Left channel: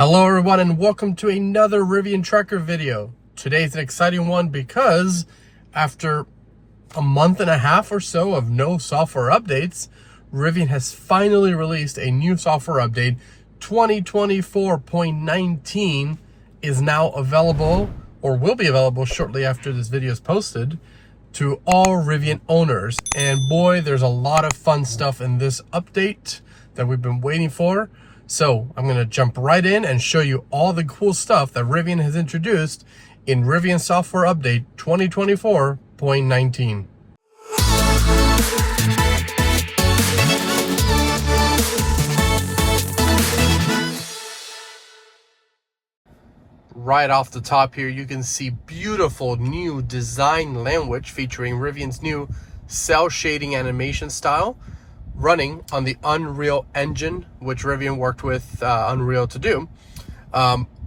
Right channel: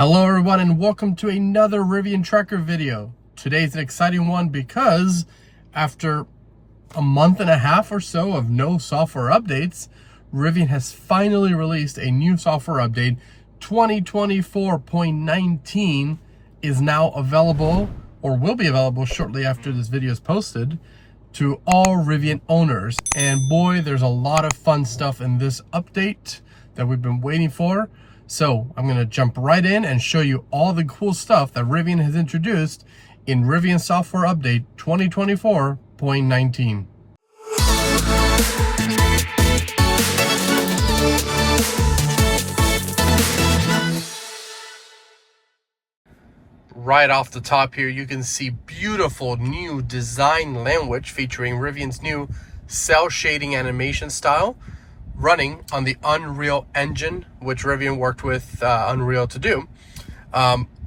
Hello everyone and welcome to another Rivian Tracker video. Today's an exciting one because after a month and a half or so of no software updates, Rivian has finally released a new software update. 2024.19 is now available, or will be available shortly after this video is posted, to all Rivian owners. And boy, there's a lot of fun stuff in this update that we've been waiting for. So I'm going to jump right in and show you all the cool stuff that Rivian has introduced in Rivian Software Update 2024.19. Right off the top here, you can see beautiful new design language featuring Rivian's new cel-shading animation style, running on the Unreal Engine, which Rivian worked with Unreal to do.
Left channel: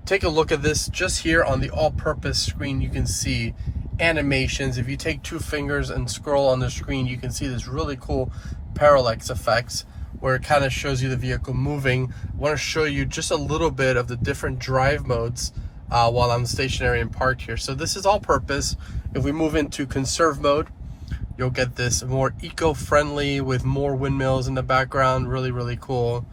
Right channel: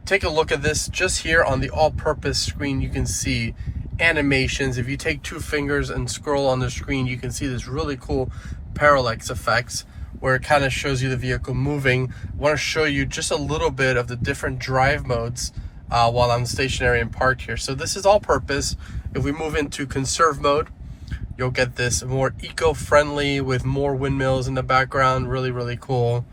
Take a look at this just here on the all-purpose screen. You can see animations. If you take two fingers and scroll on the screen, you can see this really cool parallax effects where it kind of shows you the vehicle moving. I want to show you just a little bit of the different drive modes while I'm stationary and parked here. So this is all-purpose. If we move into conserve mode, you'll get this more eco-friendly with more windmills in the background. Really cool.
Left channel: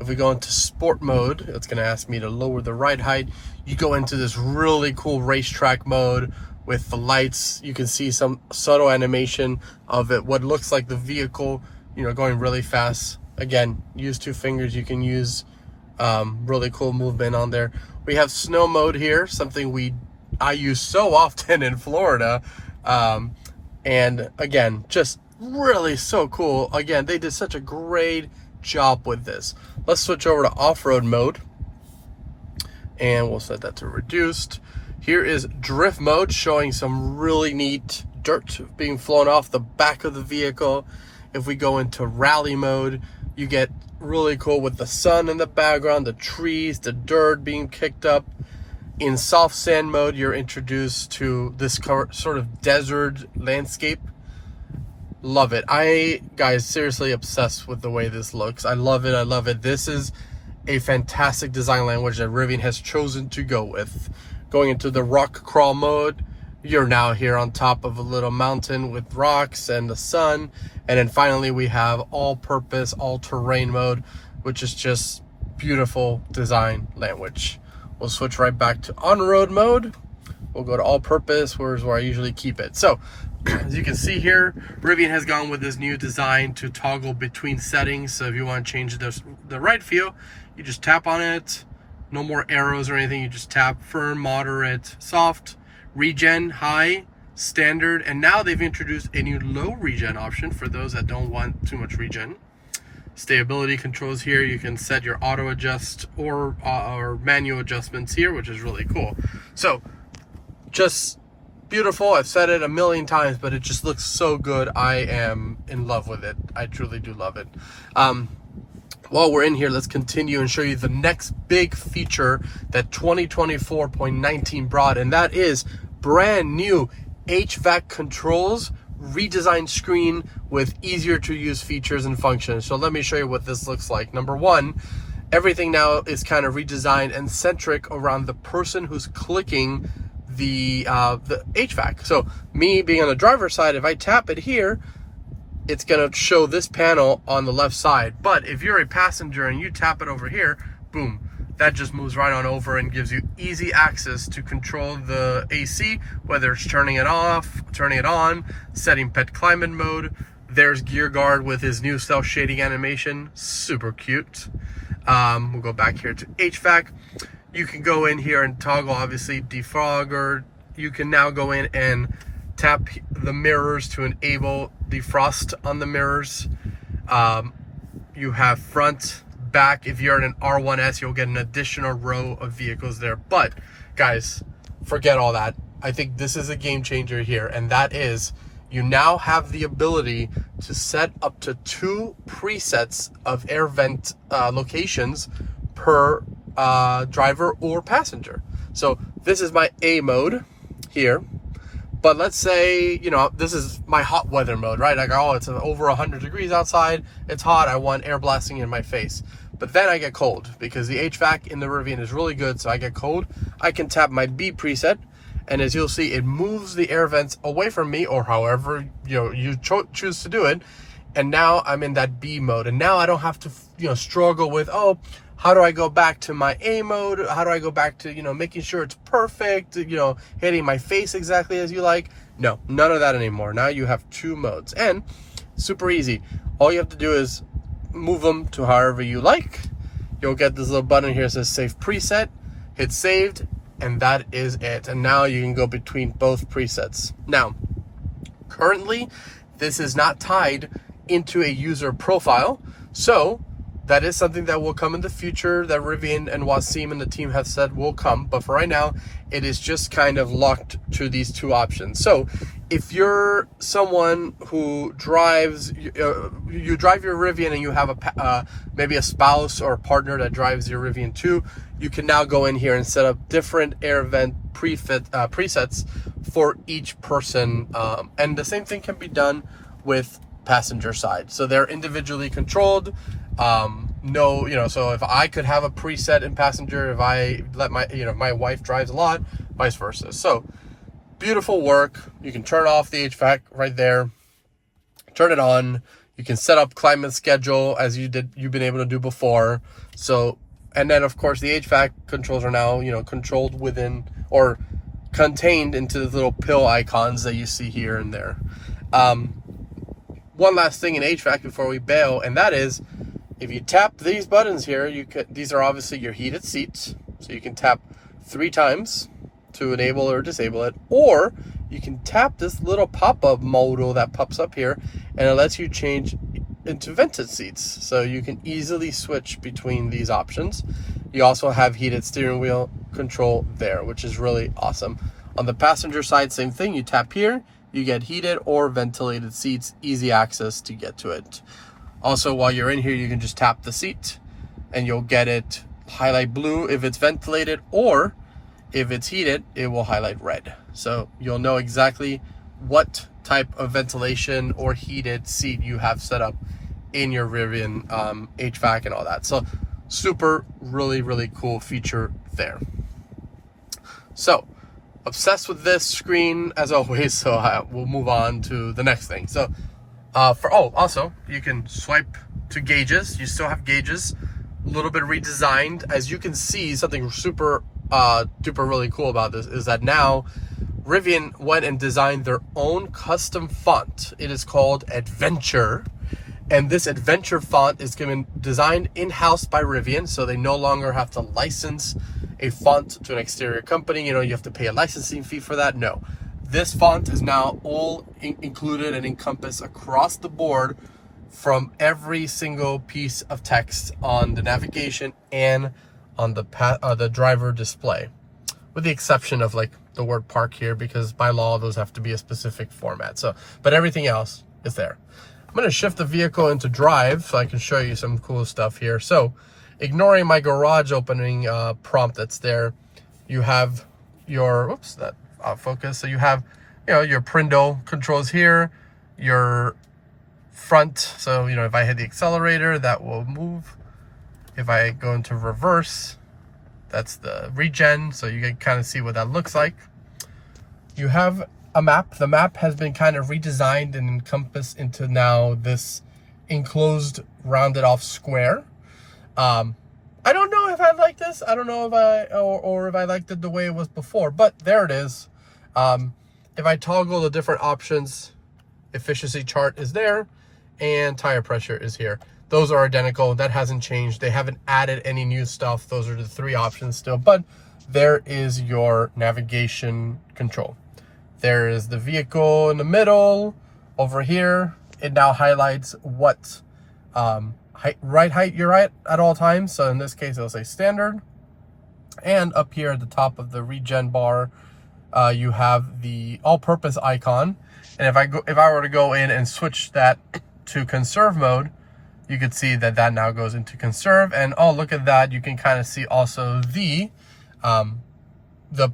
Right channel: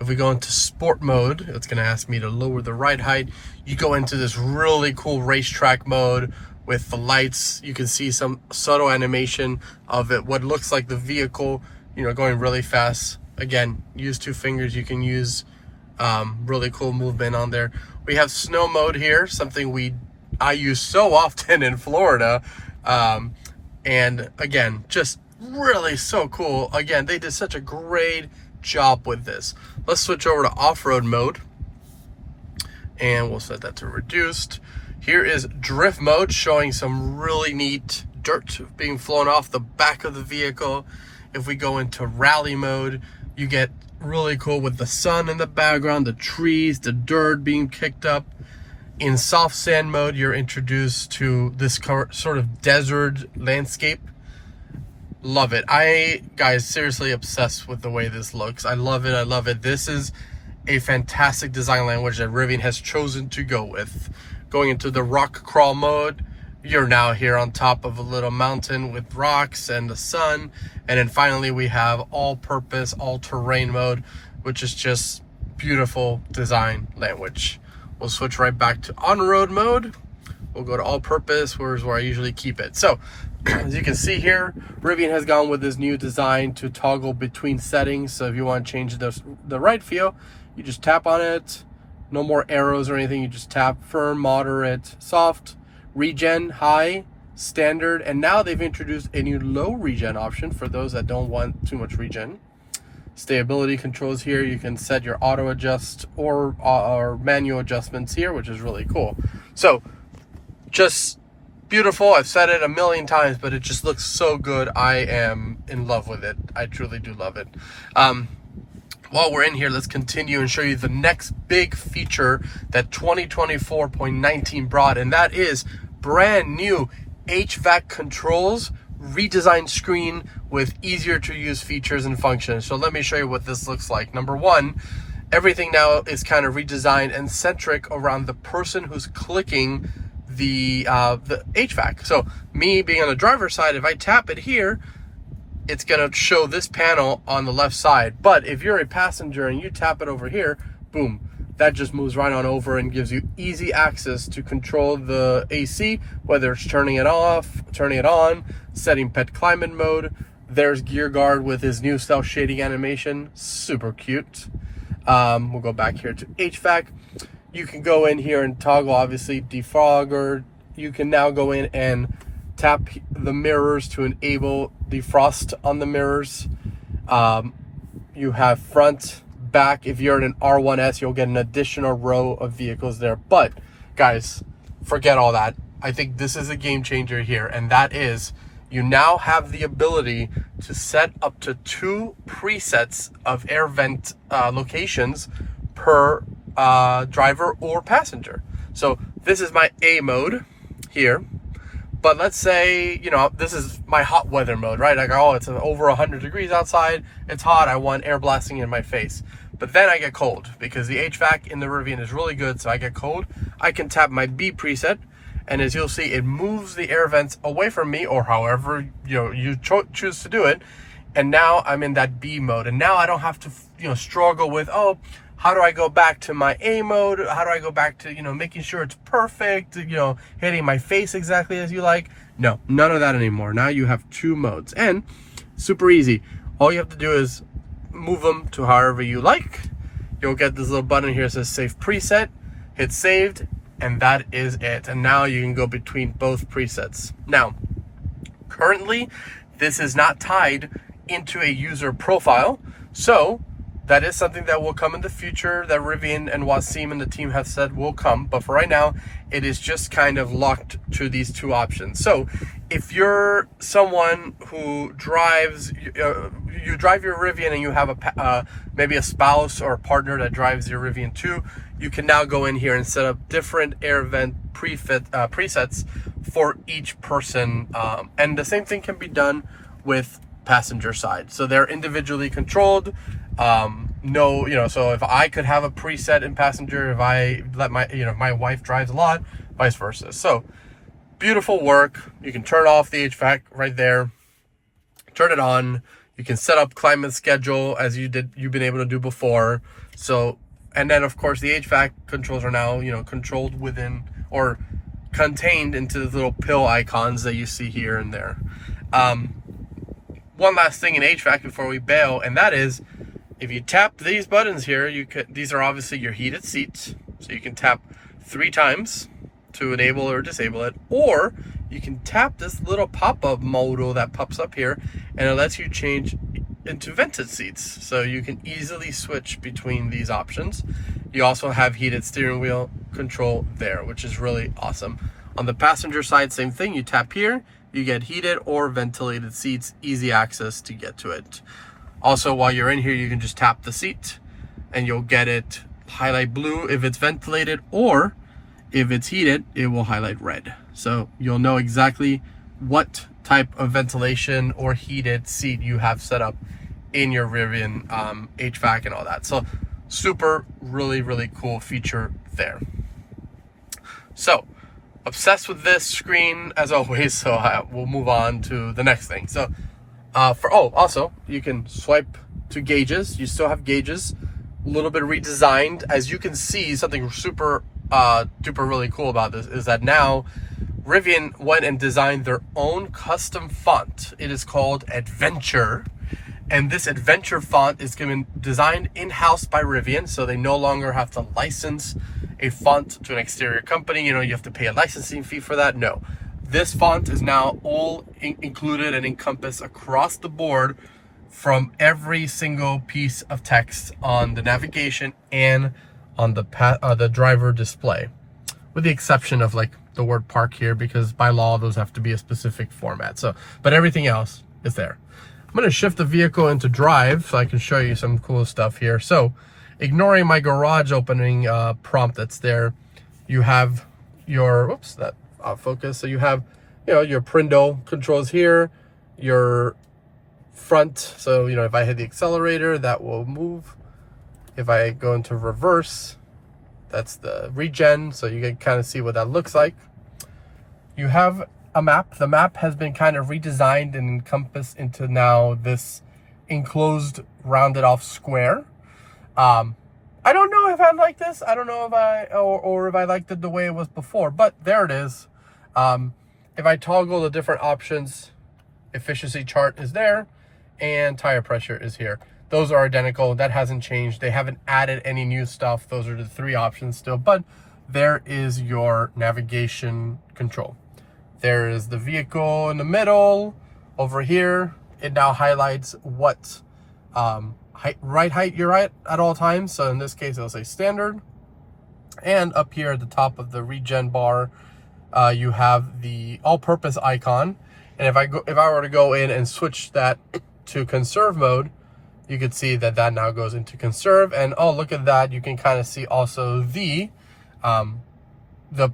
If we go into sport mode, it's going to ask me to lower the ride height. You go into this really cool racetrack mode with the lights. You can see some subtle animation of it, what looks like the vehicle, going really fast. Again, use two fingers. You can use really cool movement on there. We have snow mode here, something I use so often in Florida. And again, just really so cool. Again, they did such a great job with this. Let's switch over to off-road mode, and we'll set that to reduced. Here is drift mode, showing some really neat dirt being flown off the back of the vehicle. If we go into rally mode, you get really cool with the sun in the background, the trees, the dirt being kicked up. In soft sand mode, you're introduced to this sort of desert landscape. Love it. Guys, seriously obsessed with the way this looks. I love it. This is a fantastic design language that Rivian has chosen to go with. Going into the rock crawl mode, you're now here on top of a little mountain with rocks and the sun. And then finally, we have all-purpose, all-terrain mode, which is just beautiful design language. We'll switch right back to on-road mode. We'll go to all-purpose, where I usually keep it. So, as you can see here, Rivian has gone with this new design to toggle between settings. So if you want to change the right feel, you just tap on it. No more arrows or anything. You just tap firm, moderate, soft, regen, high, standard. And now they've introduced a new low regen option for those that don't want too much regen. Stability controls here. You can set your auto adjust or manual adjustments here, which is really cool. So just beautiful. I've said it a million times, but it just looks so good. I am in love with it. I truly do love it. While we're in here, let's continue and show you the next big feature that 2024.19 brought, and that is brand new HVAC Controls redesigned screen with easier to use features and functions. So let me show you what this looks like. Number one, everything now is kind of redesigned and centric around the person who's clicking the HVAC. So me being on the driver's side, if I tap it here, it's gonna show this panel on the left side. But if you're a passenger and you tap it over here, boom, that just moves right on over and gives you easy access to control the AC, whether it's turning it off, turning it on, setting pet climate mode. There's Gear Guard with his new cel-shading animation, super cute. We'll go back here to HVAC. You can go in here and toggle, obviously, defogger. You can now go in and tap the mirrors to enable defrost on the mirrors. You have front, back. If you're in an R1S, you'll get an additional row of vehicles there. But guys, forget all that. I think this is a game changer here, and that is you now have the ability to set up to 2 presets of air vent locations per driver or passenger. So this is my A mode here. But let's say, this is my hot weather mode, right? Like, oh, it's over 100 degrees outside. It's hot. I want air blasting in my face. But then I get cold because the HVAC in the Rivian is really good. So I get cold. I can tap my B preset, and as you'll see, it moves the air vents away from me, or however you choose to do it. And now I'm in that B mode, and now I don't have to struggle with, oh, how do I go back to my A mode? How do I go back to making sure it's perfect, hitting my face exactly as you like? No, none of that anymore. Now you have 2 modes, and super easy. All you have to do is move them to however you like. You'll get this little button here that says save preset, hit saved, and that is it. And now you can go between both presets. Now, currently, this is not tied into a user profile, so that is something that will come in the future that Rivian and Wasim and the team have said will come. But for right now, it is just kind of locked to these 2 options. So if you're someone who drives, you drive your Rivian and you have maybe a spouse or a partner that drives your Rivian too, you can now go in here and set up different air vent presets for each person. And the same thing can be done with passenger side. So they're individually controlled. So if I could have a preset in passenger, if I let my wife drives a lot, vice versa. So beautiful work. You can turn off the HVAC right there, turn it on. You can set up climate schedule as you've been able to do before. So, and then of course the HVAC controls are now, controlled within or contained into the little pill icons that you see here and there. One last thing in HVAC before we bail, and that is, if you tap these buttons here, these are obviously your heated seats. So you can tap 3 times to enable or disable it, or you can tap this little pop-up modal that pops up here, and it lets you change into vented seats. So you can easily switch between these options. You also have heated steering wheel control there, which is really awesome. On the passenger side, same thing. You tap here, you get heated or ventilated seats, easy access to get to it. Also, while you're in here, you can just tap the seat and you'll get it highlight blue if it's ventilated, or if it's heated, it will highlight red. So you'll know exactly what type of ventilation or heated seat you have set up in your Rivian HVAC and all that. So super, really, really cool feature there. So obsessed with this screen as always, so we'll move on to the next thing. So also you can swipe to gauges. You still have gauges, a little bit redesigned. As you can see, something super duper really cool about this is that now Rivian went and designed their own custom font. It is called Adventure, and this Adventure font is designed in-house by Rivian, so they no longer have to license a font to an exterior company. You have to pay a licensing fee for that. No, this font is now all included and encompassed across the board from every single piece of text on the navigation and on the driver display, with the exception of like the word park here, because by law those have to be a specific format. So, but everything else is there. I'm going to shift the vehicle into drive so I can show you some cool stuff here. So ignoring my garage opening prompt that's there, you have your, that focus. So you have, your Prindle controls here, your front. So, if I hit the accelerator, that will move. If I go into reverse, that's the regen. So you can kind of see what that looks like. You have a map. The map has been kind of redesigned and encompassed into now this enclosed rounded off square. I don't know if I like this. I don't know if or if I liked it the way it was before, but there it is. If I toggle the different options, efficiency chart is there and tire pressure is here. Those are identical. That hasn't changed. They haven't added any new stuff. Those are the 3 options still, but there is your navigation control. There is the vehicle in the middle. Over here, it now highlights what ride height you're at all times. So in this case, it'll say standard. And up here at the top of the regen bar, you have the all-purpose icon. And if I were to go in and switch that to conserve mode, you can see that now goes into conserve. And oh, look at that. You can kind of see also the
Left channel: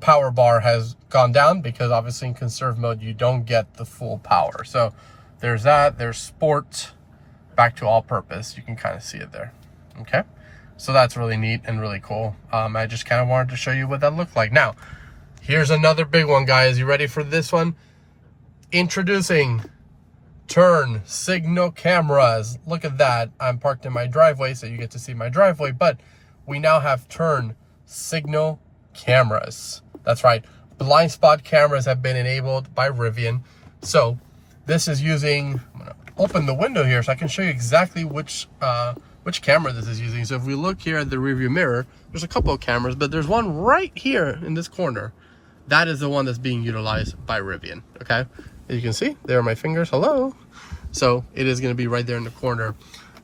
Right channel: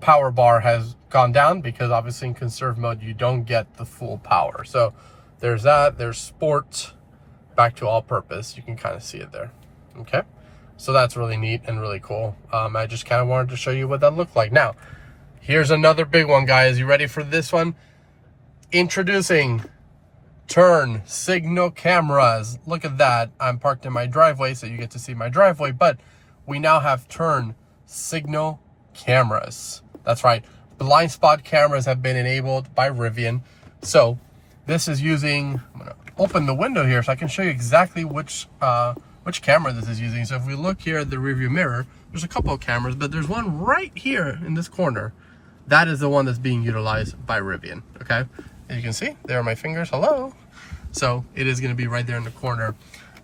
power bar has gone down, because obviously in conserve mode, you don't get the full power. So there's that. There's sport, back to all purpose. You can kind of see it there. Okay. So that's really neat and really cool. I just kind of wanted to show you what that looked like. Now, here's another big one, guys. You ready for this one? Introducing turn signal cameras. Look at that. I'm parked in my driveway, so you get to see my driveway, but we now have turn signal cameras. That's right. Blind spot cameras have been enabled by Rivian. So this is using, I'm gonna open the window here so I can show you exactly which camera this is using. So if we look here at the rearview mirror, there's a couple of cameras, but there's one right here in this corner. That is the one that's being utilized by Rivian, okay? As you can see, there are my fingers, hello. So it is gonna be right there in the corner.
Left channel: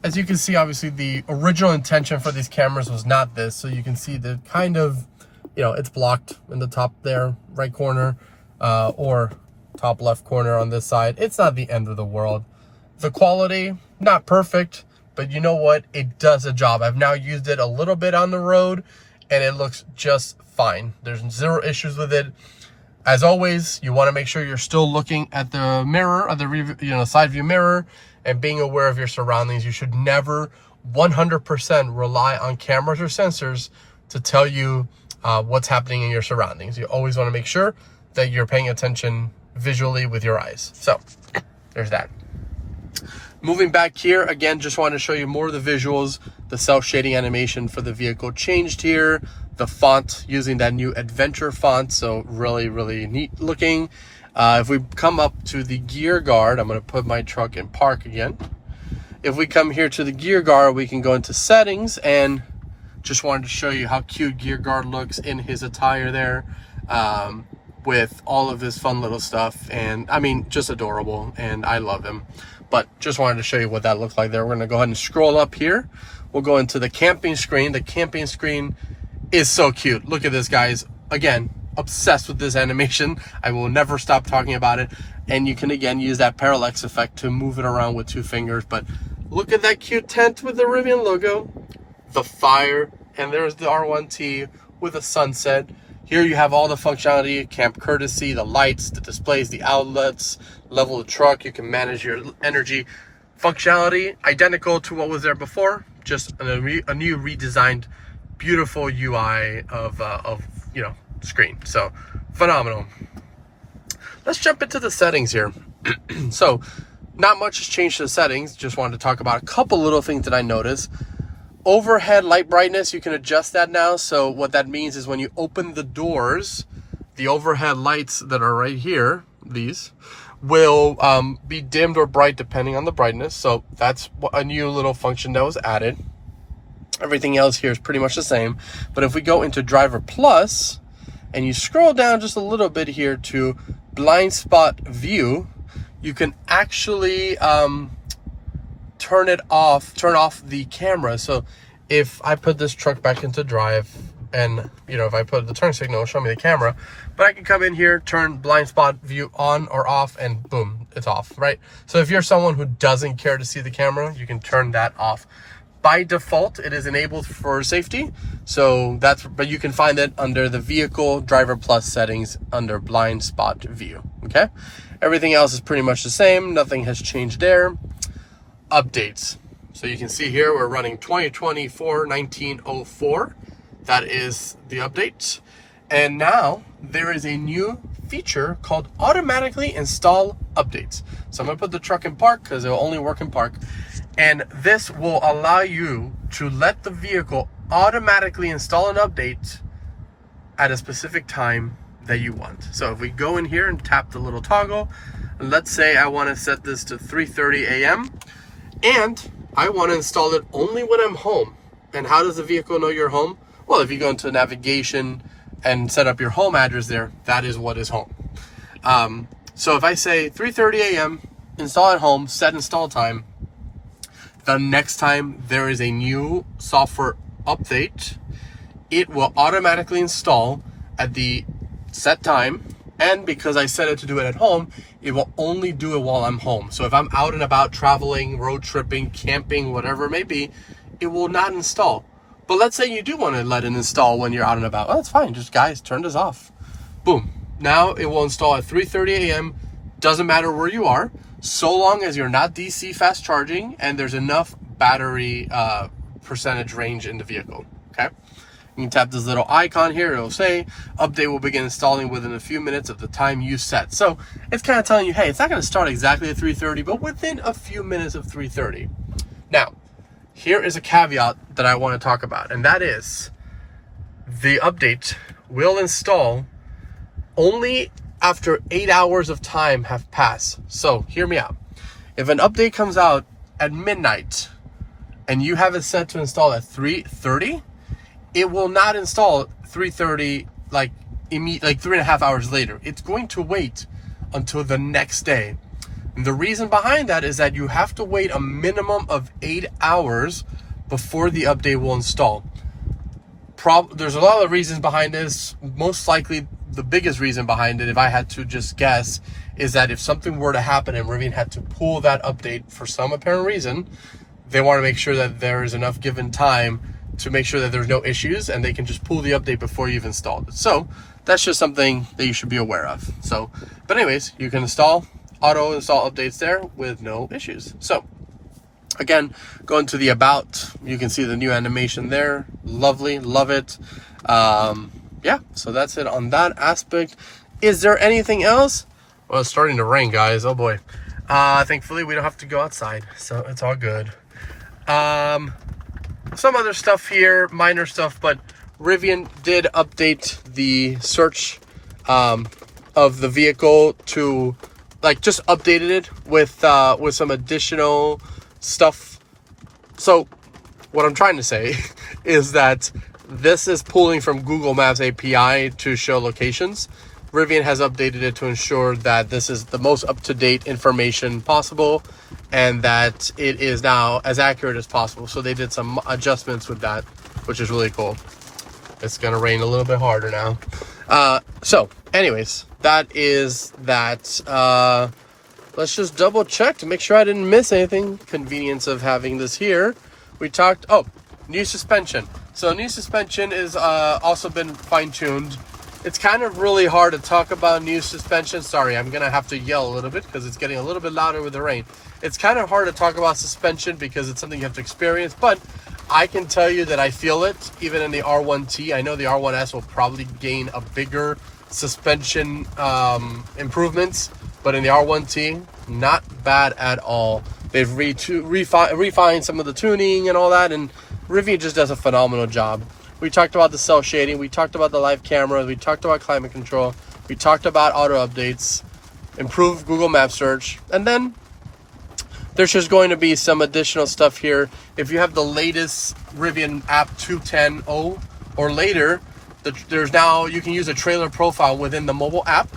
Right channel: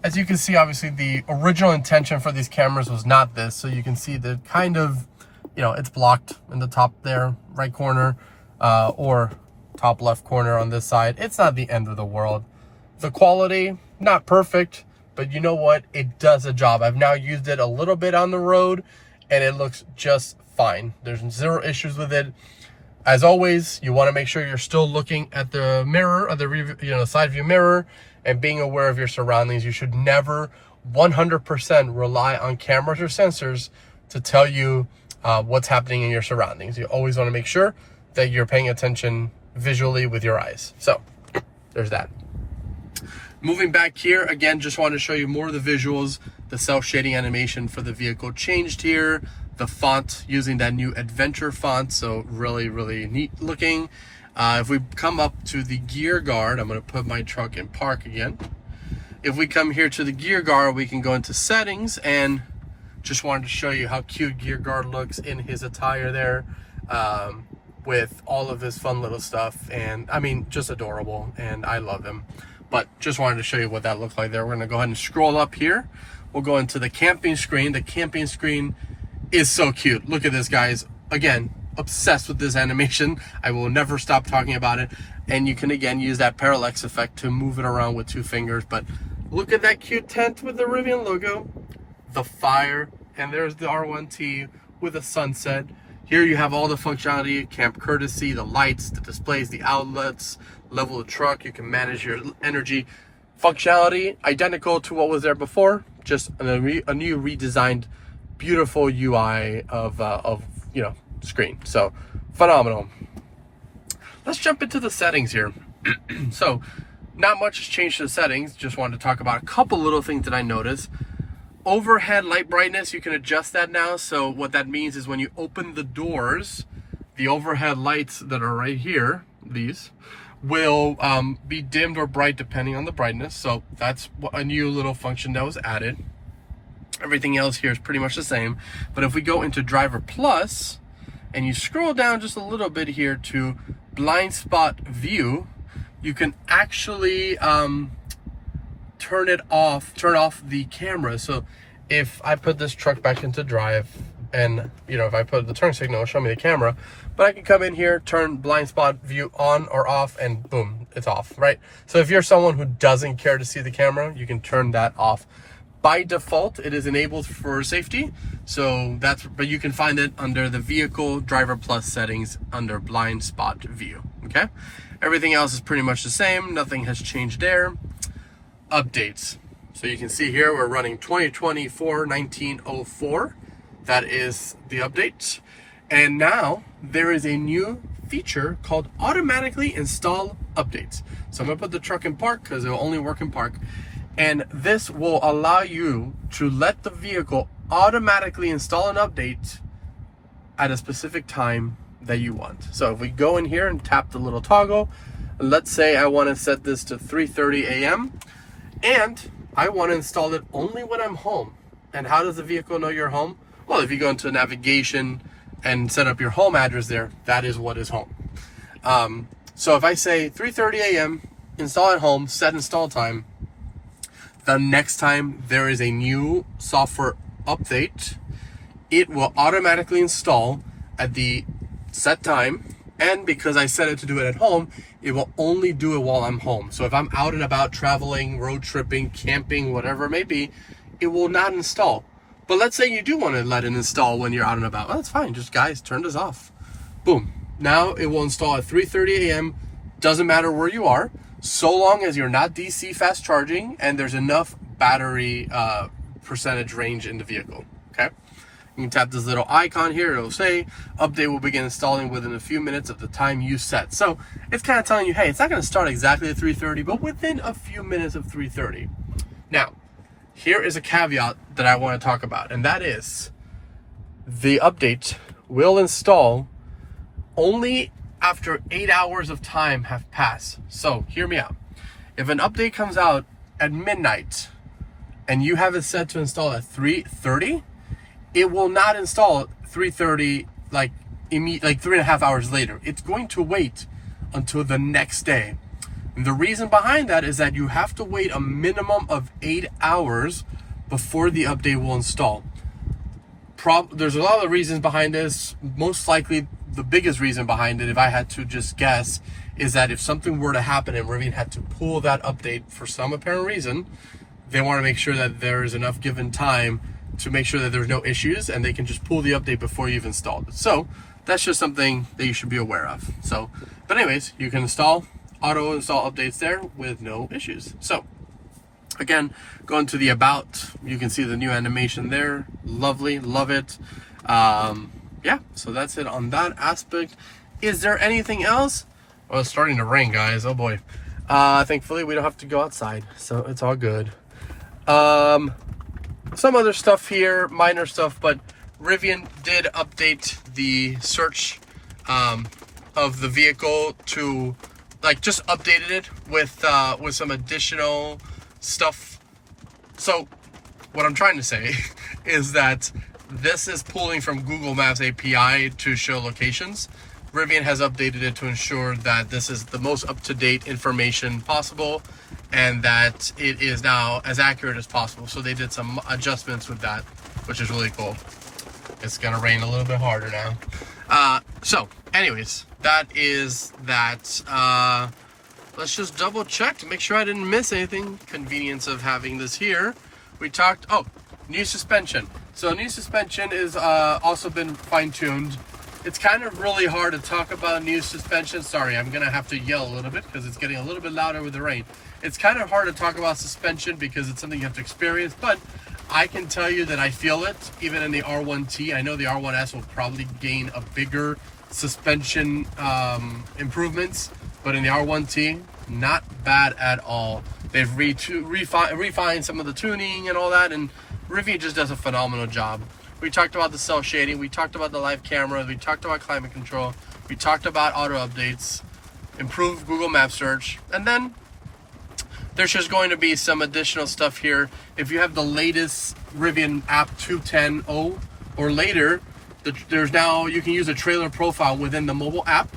As you can see, obviously the original intention for these cameras was not this. So you can see the kind of, you know, it's blocked in the top there, right corner, or top left corner on this side. It's not the end of the world. The quality, not perfect, but you know what? It does a job. I've now used it a little bit on the road and it looks just fine. There's zero issues with it. As always, you want to make sure you're still looking at the mirror, or the side view mirror, and being aware of your surroundings. You should never 100% rely on cameras or sensors to tell you what's happening in your surroundings. You always want to make sure that you're paying attention visually with your eyes. So there's that. Moving back here, again, just want to show you more of the visuals. The cel-shading animation for the vehicle changed here. The font, using that new adventure font, so really, really neat looking. If we come up to the gear guard, I'm going to put my truck in park again. If we come here to the gear guard, we can go into settings, and just wanted to show you how cute gear guard looks in his attire there, with all of his fun little stuff. And I mean, just adorable, and I love him. But just wanted to show you what that looks like there. We're going to go ahead and scroll up here. We'll go into the camping screen. The camping screen is so cute. Look at this, guys. Again, obsessed with this animation. I will never stop talking about it. And you can again use that parallax effect to move it around with 2 fingers. But look at that cute tent with the Rivian logo, the fire, and there's the R1T with a sunset. Here you have all the functionality: camp courtesy, the lights, the displays, the outlets, level of truck. You can manage your energy. Functionality identical to what was there before, just a new redesigned, beautiful UI of screen. So phenomenal. Let's jump into the settings here. So not much has changed to the settings. Just wanted to talk about a couple little things that I noticed. Overhead light brightness, you can adjust that now. So what that means is when you open the doors, the overhead lights that are right here, these, will be dimmed or bright depending on the brightness. So that's a new little function that was added. Everything else here is pretty much the same. But if we go into Driver Plus and you scroll down just a little bit here to blind spot view, you can actually turn off the camera. So if I put this truck back into drive, and if I put the turn signal, it'll show me the camera, but I can come in here, turn blind spot view on or off, and boom, it's off, right? So if you're someone who doesn't care to see the camera, you can turn that off. By default, it is enabled for safety. So but you can find it under the Vehicle Driver Plus settings under blind spot view, okay? Everything else is pretty much the same. Nothing has changed there. Updates. So you can see here, we're running 2024-1904. That is the update. And now there is a new feature called automatically install updates. So I'm gonna put the truck in park because it will only work in park. And this will allow you to let the vehicle automatically install an update at a specific time that you want. So if we go in here and tap the little toggle, let's say I want to set this to 3:30 a.m. and I want to install it only when I'm home. And how does the vehicle know you're home? Well, if you go into navigation and set up your home address there, that is what is home. So if I say 3:30 a.m., install at home, set install time, the next time there is a new software update, it will automatically install at the set time. And because I set it to do it at home, it will only do it while I'm home. So if I'm out and about traveling, road tripping, camping, whatever it may be, it will not install. But let's say you do want to let it install when you're out and about. Oh, that's fine. Just guys, turn this off. Boom. Now it will install at 3:30 a.m. Doesn't matter where you are, so long as you're not DC fast charging and there's enough battery percentage range in the vehicle. Okay. You can tap this little icon here. It'll say update will begin installing within a few minutes of the time you set. So it's kind of telling you, hey, it's not going to start exactly at 3:30, but within a few minutes of 3:30. Now, here is a caveat that I want to talk about, and that is the update will install only after 8 hours of time have passed. So hear me out. If an update comes out at midnight and you have it set to install at 3:30, it will not install at 3:30 like 3.5 hours later. It's going to wait until the next day. And the reason behind that is that you have to wait a minimum of 8 hours before the update will install. There's a lot of reasons behind this. Most likely the biggest reason behind it, if I had to just guess, is that if something were to happen and Rivian had to pull that update for some apparent reason, they want to make sure that there is enough given time to make sure that there's no issues and they can just pull the update before you've installed it. So that's just something that you should be aware of. So, but anyways, you can auto install updates there with no issues. So again, going to the about, you can see the new animation there. Lovely, love it. Yeah, so that's it on that aspect. Is there anything else? Well, it's starting to rain, guys. Oh boy. Thankfully we don't have to go outside, so it's all good. Some other stuff here, minor stuff, but Rivian did update the search of the vehicle to, like, just updated it with some additional stuff. So what I'm trying to say is that this is pulling from Google Maps API to show locations. Rivian has updated it to ensure that this is the most up-to-date information possible and that it is now as accurate as possible. So they did some adjustments with that, which is really cool. It's gonna rain a little bit harder now. So anyways, that is that. Let's just double check to make sure I didn't miss anything. Convenience of having this here. We talked, new suspension. So new suspension is also been fine-tuned. It's kind of really hard to talk about new suspension. Sorry, I'm gonna have to yell a little bit because it's getting a little bit louder with the rain. It's kind of hard to talk about suspension because it's something you have to experience, but I can tell you that I feel it even in the R1T. I know the R1S will probably gain a bigger suspension improvements, but in the R1T, not bad at all. They've refined some of the tuning and all that, and Rivian just does a phenomenal job. We talked about the cel shading, we talked about the live camera, we talked about climate control, we talked about auto updates, improved Google Maps search, and then there's just going to be some additional stuff here. If you have the latest Rivian app 2.10.0 or later, there's now, you can use a trailer profile within the mobile app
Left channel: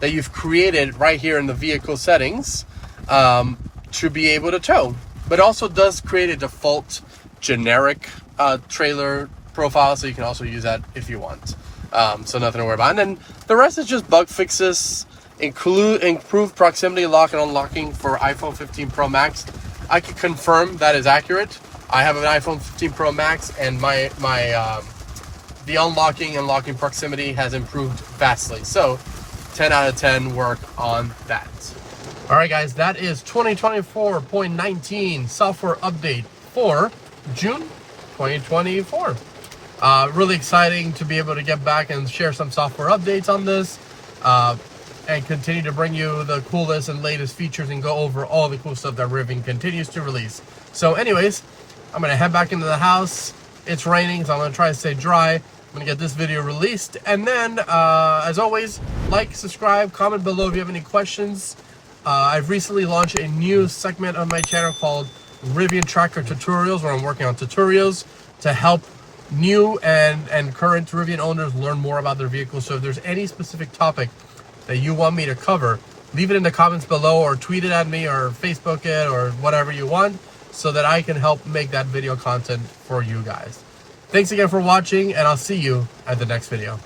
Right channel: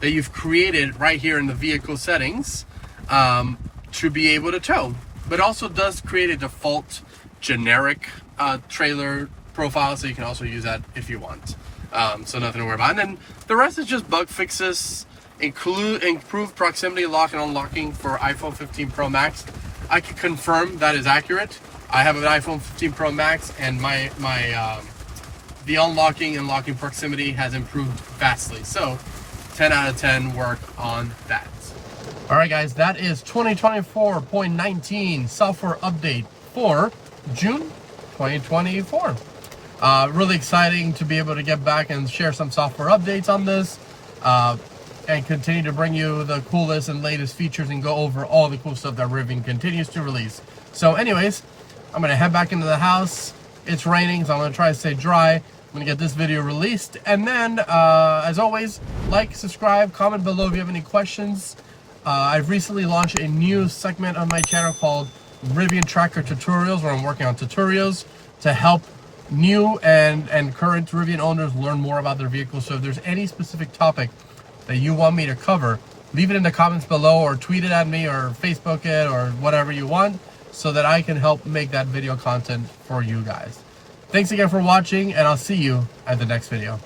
that you've created right here in the vehicle settings to be able to tow. But also does create a default generic trailer profile, so you can also use that if you want. So nothing to worry about. And then the rest is just bug fixes, improved proximity lock and unlocking for iPhone 15 Pro Max. I can confirm that is accurate. I have an iPhone 15 Pro Max, and the unlocking and locking proximity has improved vastly. So 10 out of 10 work on that. All right, guys, that is 2024.19 software update for June 2024. Really exciting to be able to get back and share some software updates on this and continue to bring you the coolest and latest features and go over all the cool stuff that Rivian continues to release. So anyways, I'm going to head back into the house. It's raining, so I'm going to try to stay dry. I'm going to get this video released. And then, as always, like, subscribe, comment below if you have any questions. I've recently launched a new segment of my channel called Rivian Tracker Tutorials, where I'm working on tutorials to help new and current Rivian owners learn more about their vehicles. So if there's any specific topic that you want me to cover, leave it in the comments below or tweet it at me or Facebook it or whatever you want so that I can help make that video content for you guys. Thanks again for watching, and I'll see you at the next video.